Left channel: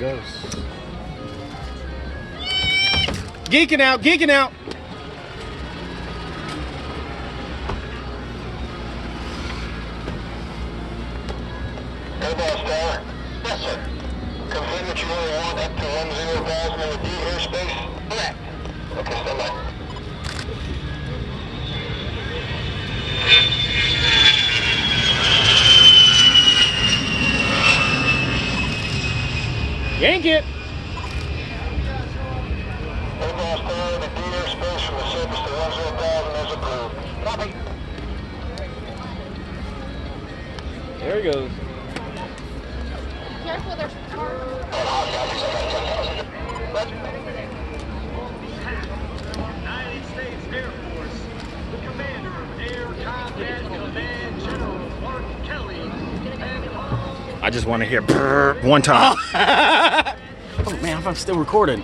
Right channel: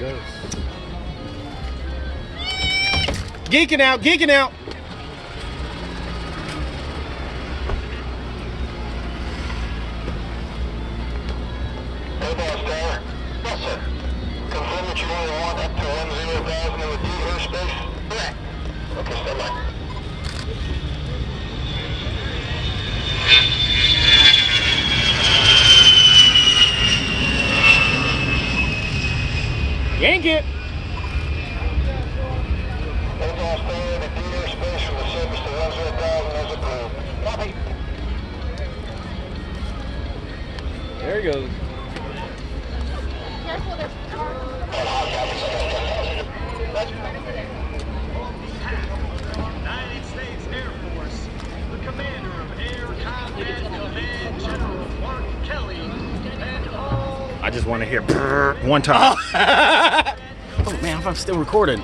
goes. Geeking out, geeking out. Hey, boss tower. Yes, sir. Confirm that you only want up to 10,000 in the D airspace? Correct. Okay, stand by. Yank it. Hey, boss tower. The D airspace from the surface to 10,000 is approved. Copy. There he goes. Careful, there's United States Air Force, the commander of Air Combat Command, General Mark Kelly, and all. I just want to hear brrr one time. Oh man, I'm still recording.